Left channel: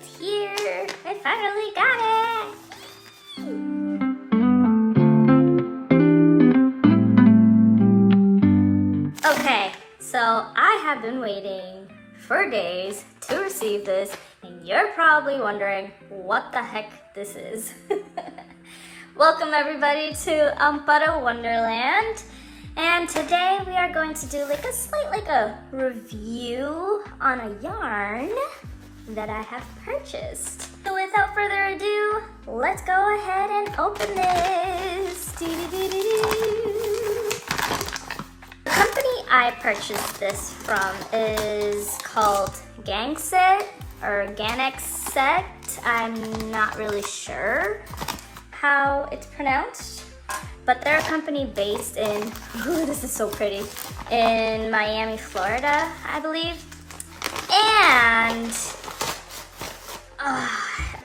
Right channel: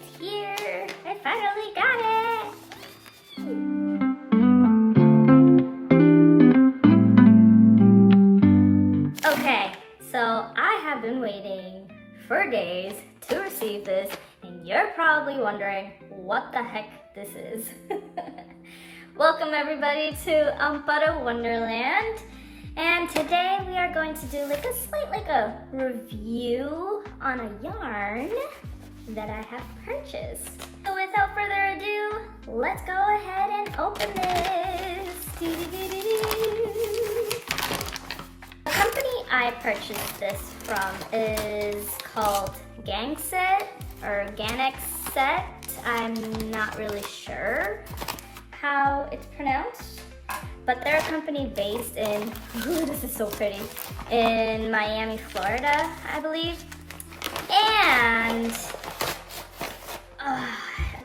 It's here! I finally got it! Okay, so I have been waiting for days to receive this, and you're probably wondering what the heck this is. Welcome everybody to Amparo Wonderland, and today we are going to do a slight review on a yarn that I have purchased. So without further ado, let's go ahead and open this. The company I purchased this from is called Ganxxet or Ganxxet. I'm not really sure how it's pronounced, but they're a company based in, ooh, this is so pretty, in Miami, Florida, I believe. And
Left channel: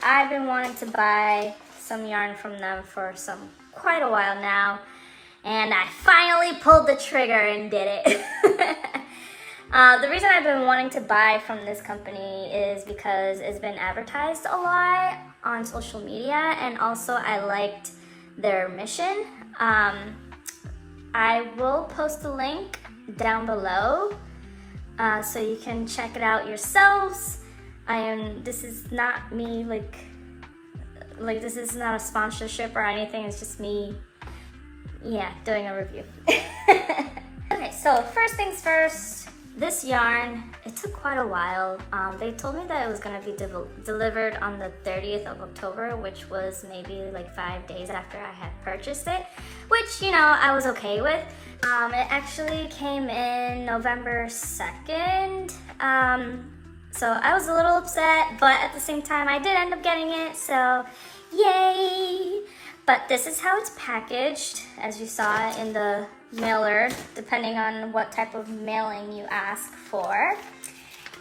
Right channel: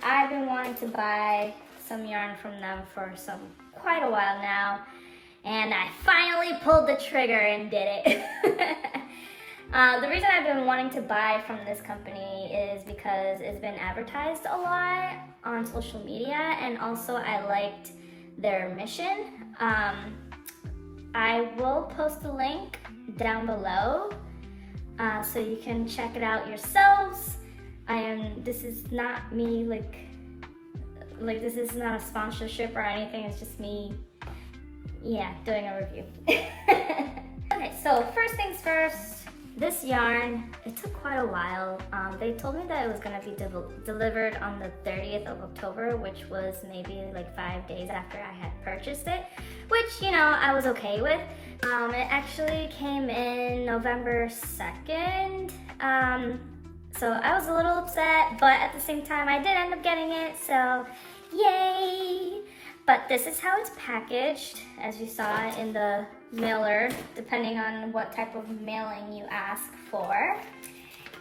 I've been wanting to buy some yarn from them for quite a while now, and I finally pulled the trigger and did it. The reason I've been wanting to buy from this company is because it's been advertised a lot on social media, and also I liked their mission. I will post a link down below so you can check it out yourselves. This is not me this is not a sponsorship or anything, it's just me, yeah, doing a review. Okay, so first things first, this yarn, it took quite a while. They told me that it was going to be delivered on the 30th of October, which was maybe 5 days after I had purchased it, which, you know, I was okay with. It actually came in November 2nd. So I was a little upset, but at the same time, I did end up getting it, so yay! But this is how it's packaged, as you saw in the mailer, depending on what type of mailing you ask for.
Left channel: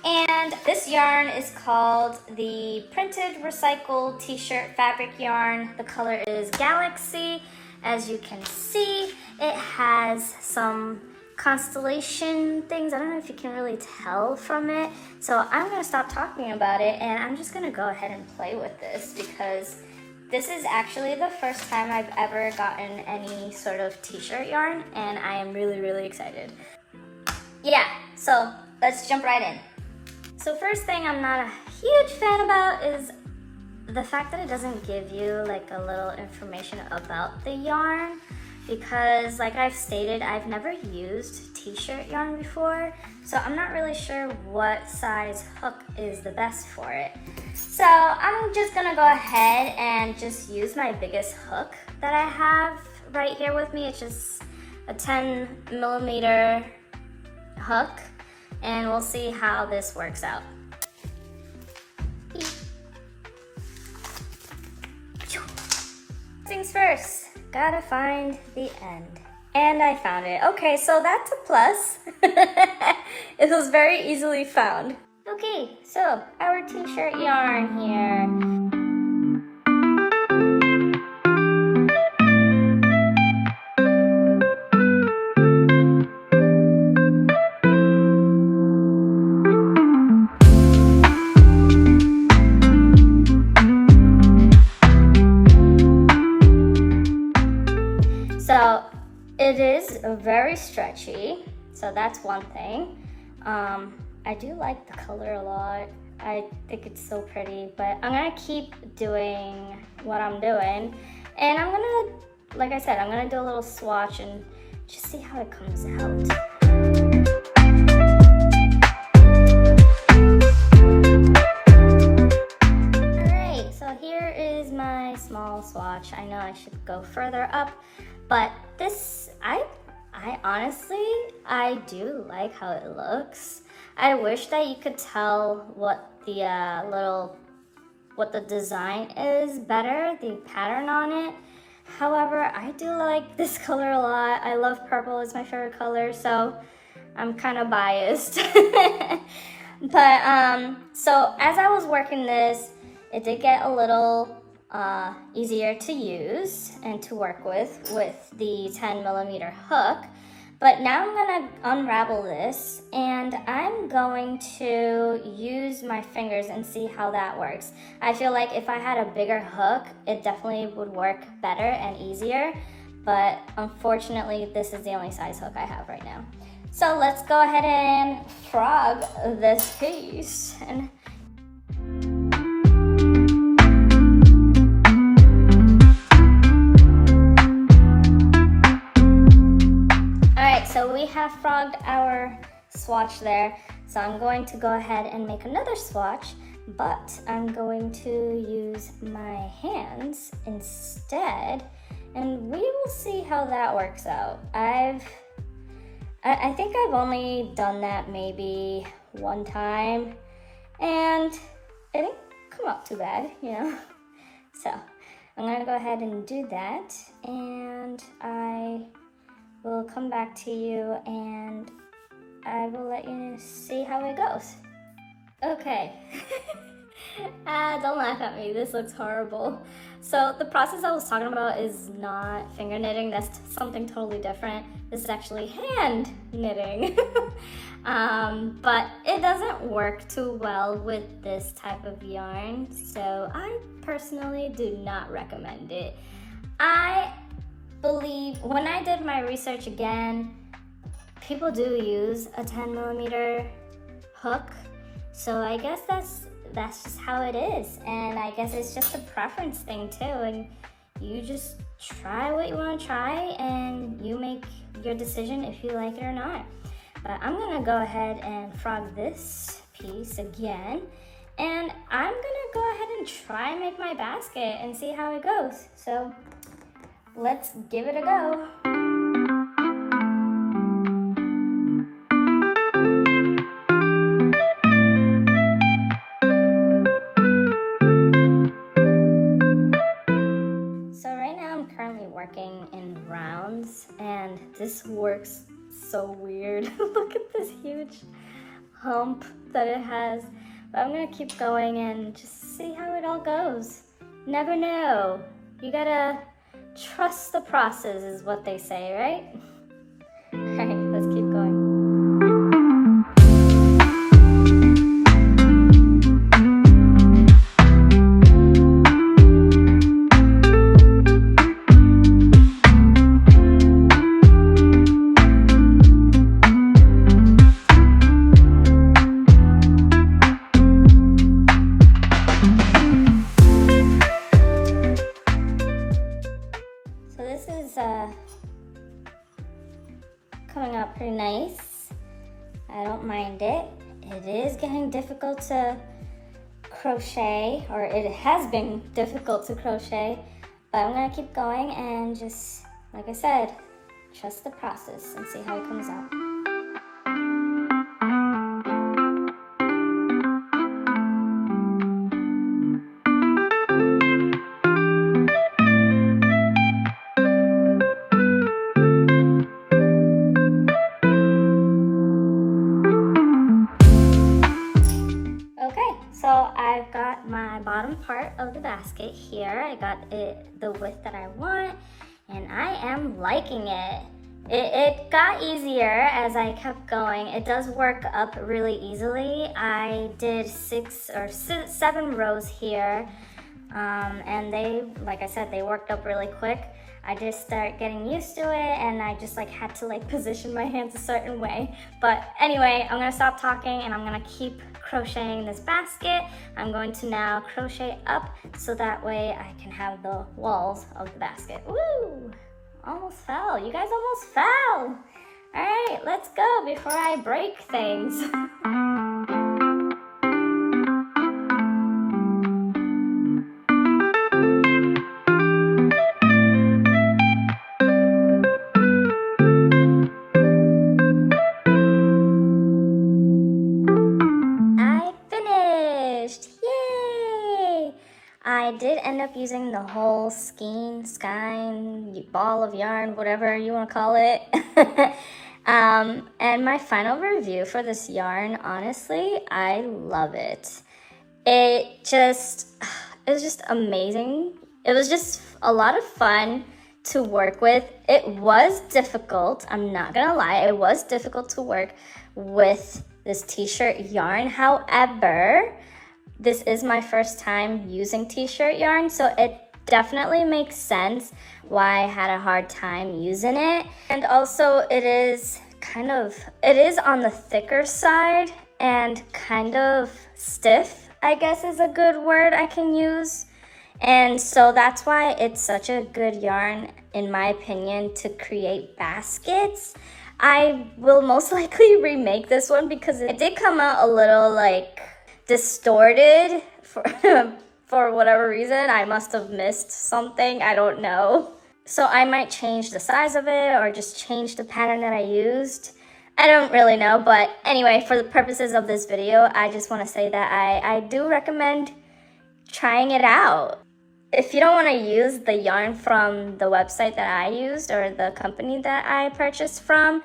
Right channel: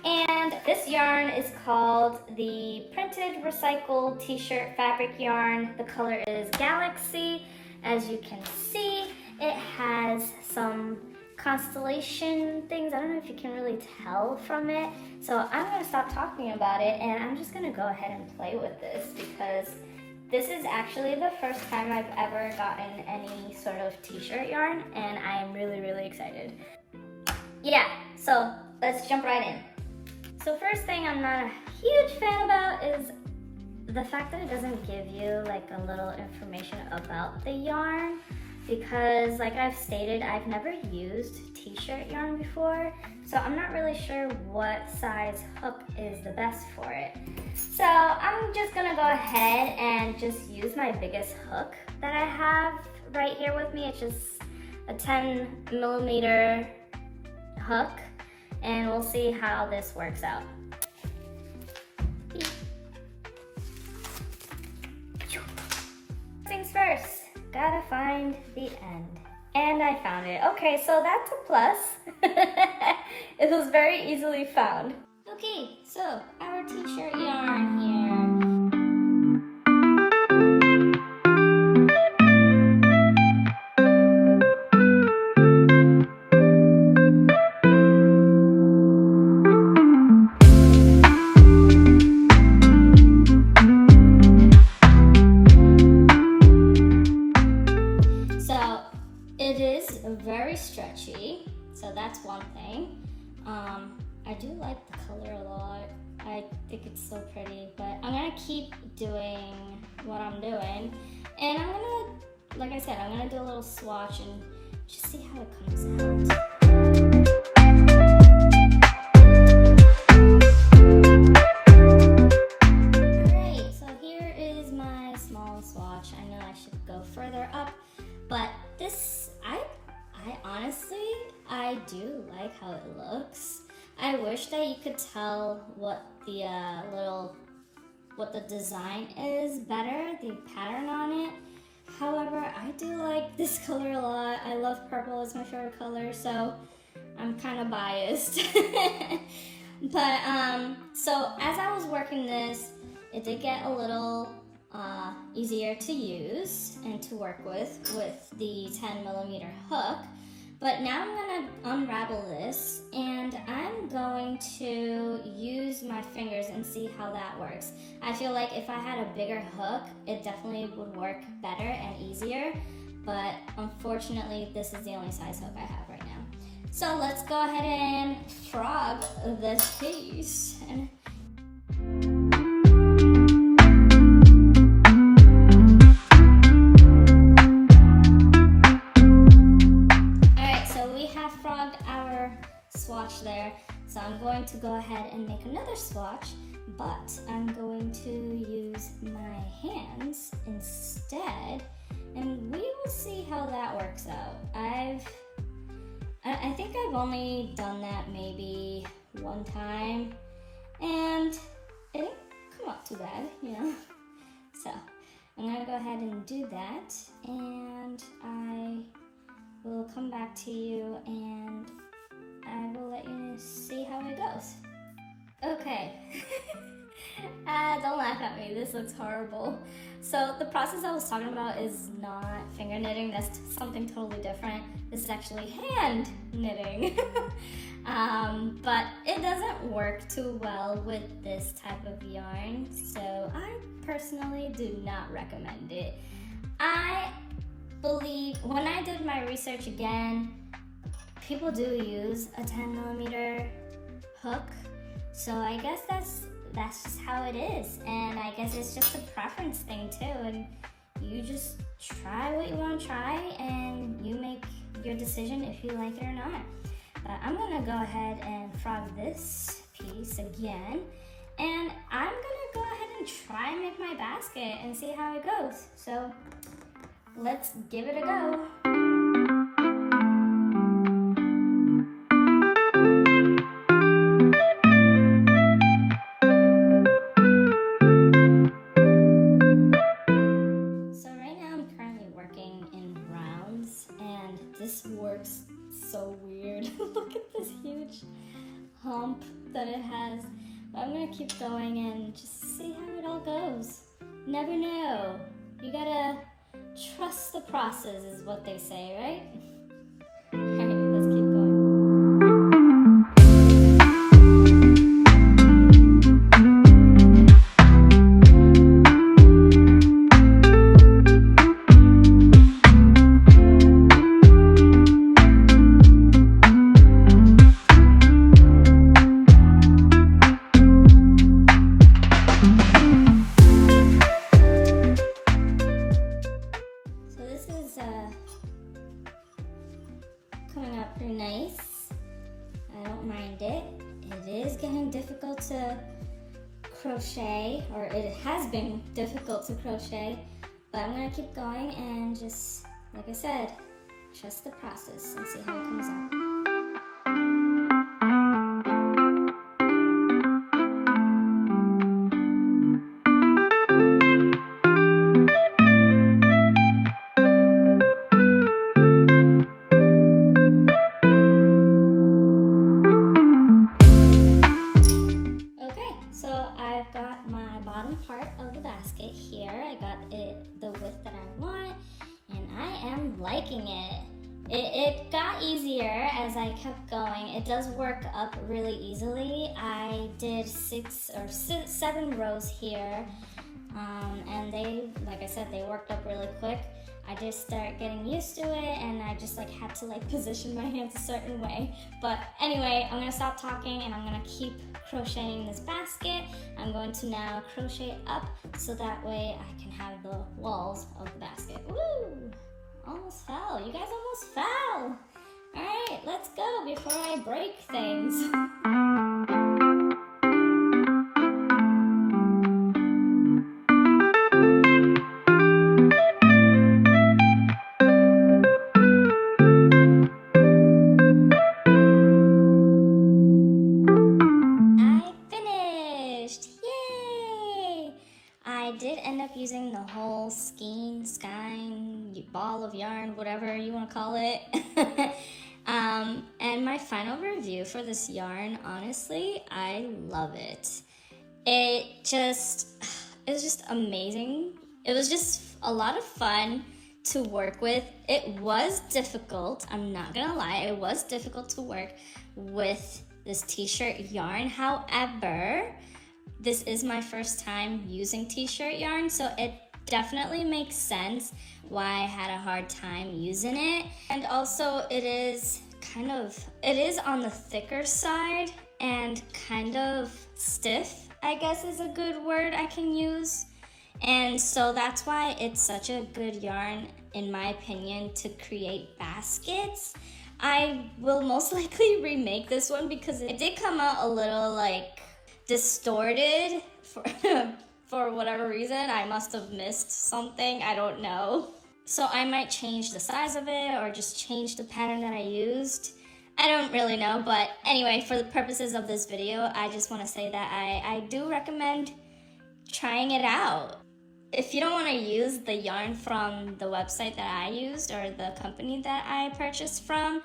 And this yarn is called the Printed Recycled T-shirt fabric yarn. The color is Galaxy. As you can see, it has some constellation things. I don't know if you can really tell from it. So I'm gonna stop talking about it, and I'm just gonna go ahead and play with this, because this is actually the first time I've ever gotten any sort of t-shirt yarn, and I am really, really excited. Yeah, so let's jump right in. So first thing I'm not a huge fan about is the fact that it doesn't give you a little information about the yarn, because like I've stated, I've never used t-shirt yarn before, so I'm not really sure what size hook is the best for it. So I'm just gonna go ahead and just use my biggest hook that I have right here with me. It's just a 10mm hook, and we'll see how this works out. Things first, gotta find the end. And I found it. Okay, so that's a plus. It was very easily found. Okay, so our t-shirt yarn here. So it is very stretchy, so that's one thing. I do like the color a lot. I think it's so pretty, but I'm gonna keep doing what I'm doing, and I'm gonna, like I said, I'm gonna do a little swatch and just see how it comes out. Alright, so here is my small swatch. I know I should go further up, but this, I honestly, I do like how it looks. I wish that you could tell what the design is better, the pattern on it. However, I do like this color a lot. I love purple, it's my favorite color, so I'm kind of biased. But so as I was working this, it did get a little easier to use and to work with the 10mm hook. But now I'm gonna unravel this, and I'm going to use my fingers and see how that works. I feel like if I had a bigger hook, it definitely would work better and easier, but unfortunately, this is the only size hook I have right now. So let's go ahead and frog this piece. Alright, so we have frogged our swatch there. So I'm going to go ahead and make another swatch, but I'm going to use my hands instead, and we will see how that works out. I think I've only done that maybe one time, and it didn't come out too bad, you know? So I'm gonna go ahead and do that, and I will come back to you and I will let you see how it goes. Okay. Don't laugh at me, this looks horrible. So the process I was talking about is not finger knitting, that's something totally different. This is actually hand knitting. But it doesn't work too well with this type of yarn, so I personally do not recommend it. I believe, when I did my research again, people do use a 10mm hook, so I guess that's just how it is, and I guess it's just a preference thing too, and you just try what you want to try and you make your decision if you like it or not. But I'm gonna go ahead and frog this piece again, and I'm gonna go ahead and try and make my basket and see how it goes. So let's give it a go. And this works so weird. Look at this huge hump that it has. But I'm gonna keep going and just see how it all goes. Never know. You gotta trust the process is what they say, right? Alright, let's keep going. Coming out pretty nice. I don't mind it. It is getting difficult to crochet, or it has been difficult to crochet, but I'm gonna keep going and just, like I said, trust the process and see how it comes out. Part of the basket here. I got it the width that I want, and I am liking it. It got easier as I kept going. It does work up really easily. I did 6 or 7 rows here, and they, like I said, they worked up really quick. I just started getting used to it, and I just had to position my hands a certain way. But anyway, I'm gonna stop talking and I'm gonna keep crocheting this basket. I'm going to now crochet up so that way I can have the walls of the basket. Woo! Almost fell. You guys almost fell. All right, let's go before I break things. I did end up using the whole skein, ball of yarn, whatever you want to call it. And my final review for this yarn, honestly, I love it. It was just amazing. It was just a lot of fun to work with. It was difficult, I'm not gonna lie, it was difficult to work with this t-shirt yarn. However, this is my first time using t-shirt yarn, so it definitely makes sense why I had a hard time using it. And also it is on the thicker side and kind of stiff, I guess is a good word I can use. And so that's why it's such a good yarn, in my opinion, to create baskets. I will most likely remake this one because it did come out a little like distorted for, for whatever reason. I must have missed something, I don't know. So I might change the size of it or just change the pattern that I used. I don't really know, but anyway, for the purposes of this video, I just want to say that I do recommend trying it out. If you don't want to use the yarn from the website that I used or the company that I purchased from,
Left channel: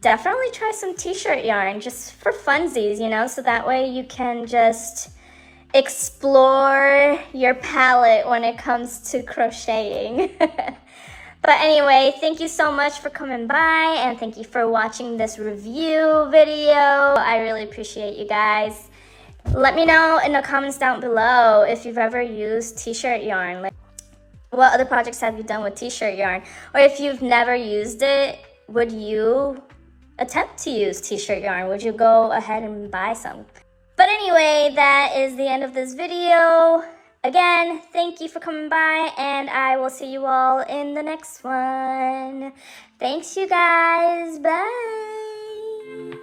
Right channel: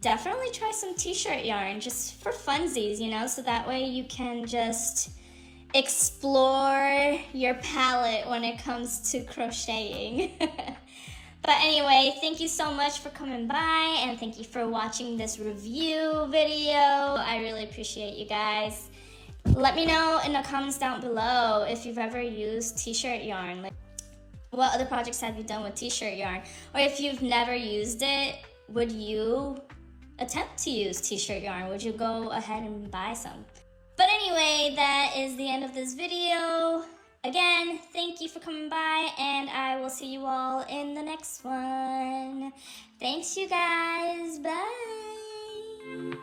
definitely try some t-shirt yarn just for funsies, you know, so that way you can just explore your palette when it comes to crocheting. But anyway, thank you so much for coming by and thank you for watching this review video. I really appreciate you guys. Let me know in the comments down below if you've ever used t-shirt yarn. Like, what other projects have you done with t-shirt yarn? Or if you've never used it, would you attempt to use t-shirt yarn? Would you go ahead and buy some? But anyway, that is the end of this video. Again, thank you for coming by, and I will see you all in the next one. Thanks, you guys. Bye.